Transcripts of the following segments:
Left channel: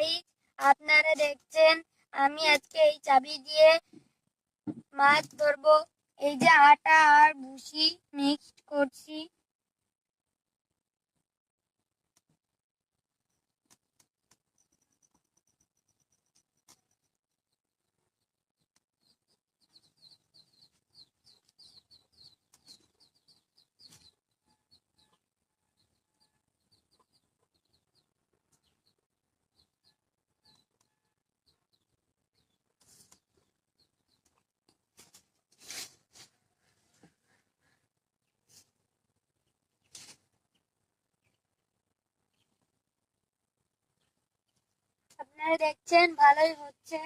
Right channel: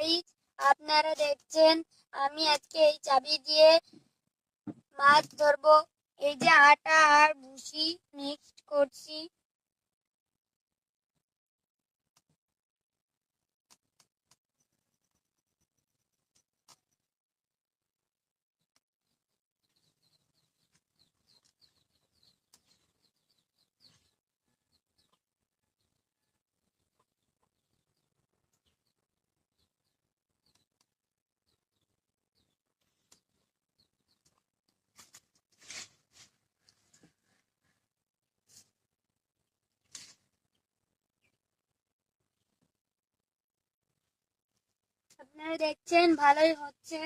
গাইস, আপনারা দেখছেন আমি আজকে এই চাবি দিয়ে মাছ ধরবো। এই যে আটা আর ভুসি মিক্সড করছি। আপনারা দেখছেন ভালোই হচ্ছে।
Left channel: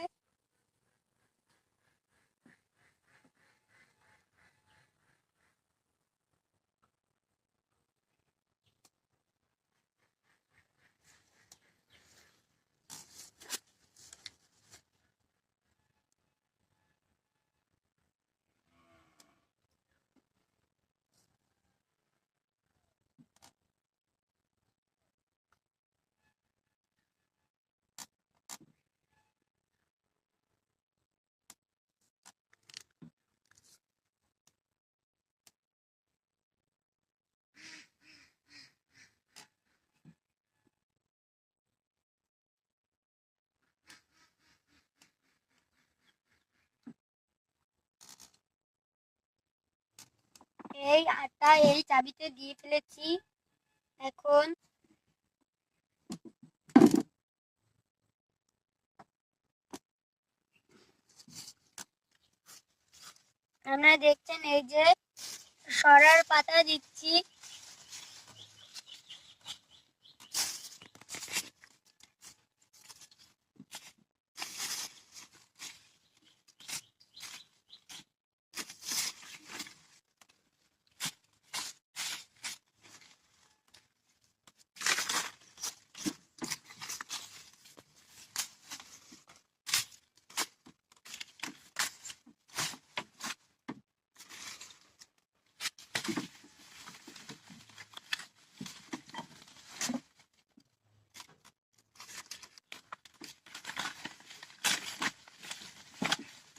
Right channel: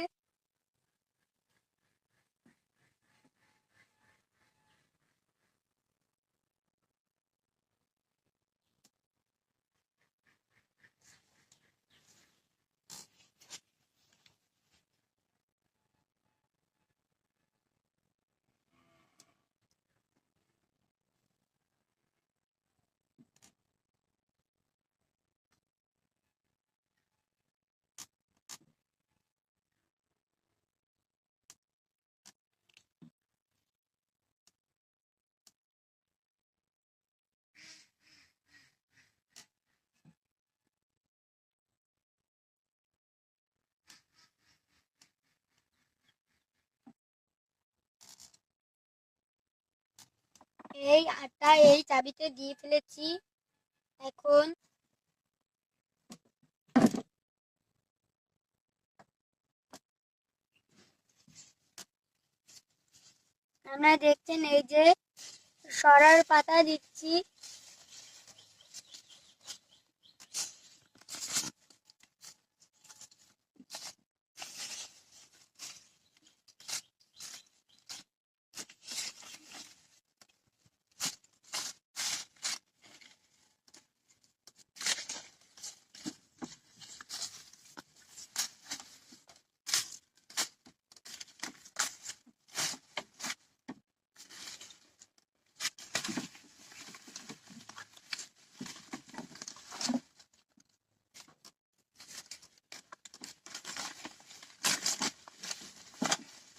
এই আটা এই চাবিতে দিয়ে ফেলেছি। এখন আপনারা দেখছেন এই যে সরার পাতা দিচ্ছি।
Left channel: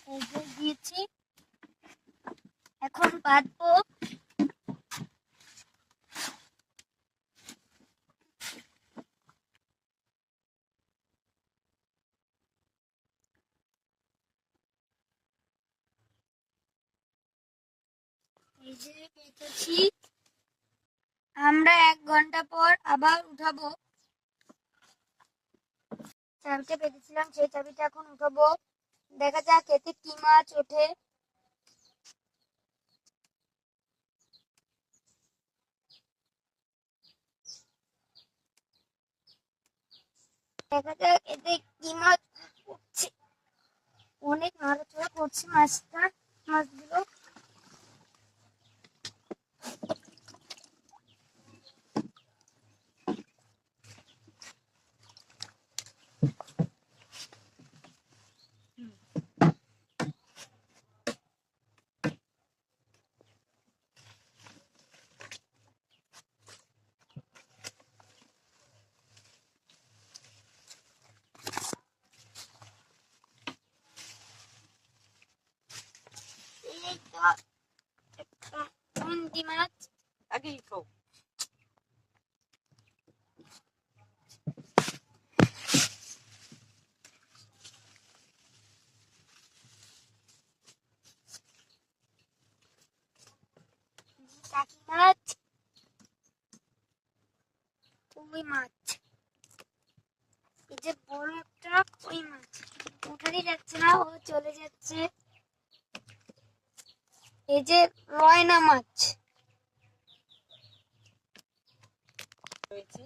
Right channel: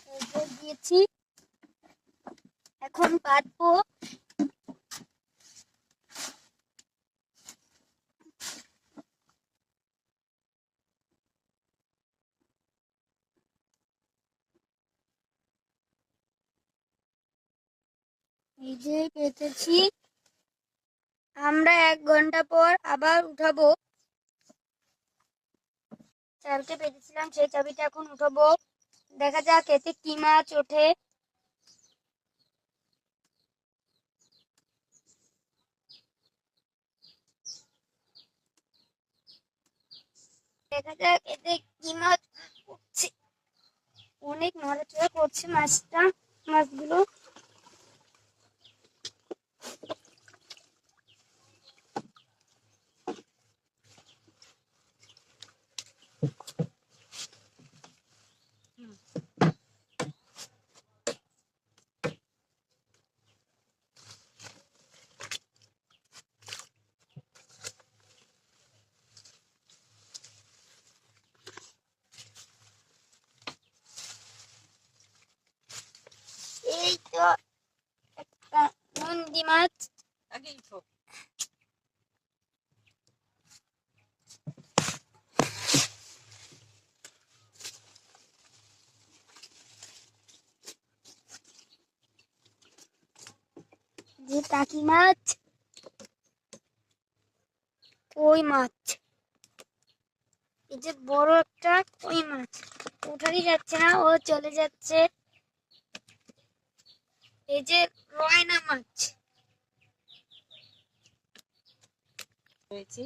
এই যে দিয়েছি, এখন পাতবো। এই যে পেতেছি। আমরা 1 ঘন্টা পর আবার উঠাবো। চাবিটা পেতেছিলাম, সেই চাবিটা এখন উঠাবো। দেখা যাক এতে কি মাছ ওঠে। দেখা যাক এতে কি মাছ উঠছে। অনেক নড়াচড়া করছে মাছগুলো। এই তো একটা নন্দী মাছ। আগেই খাও। যে টাকি মাছ, ওই মাছ। এই যে বড় একটা ওই মাছ উঠারই যাচ্ছে না, ও চলে যাচ্ছে। এই যে রয়না মাছ হয়েছে।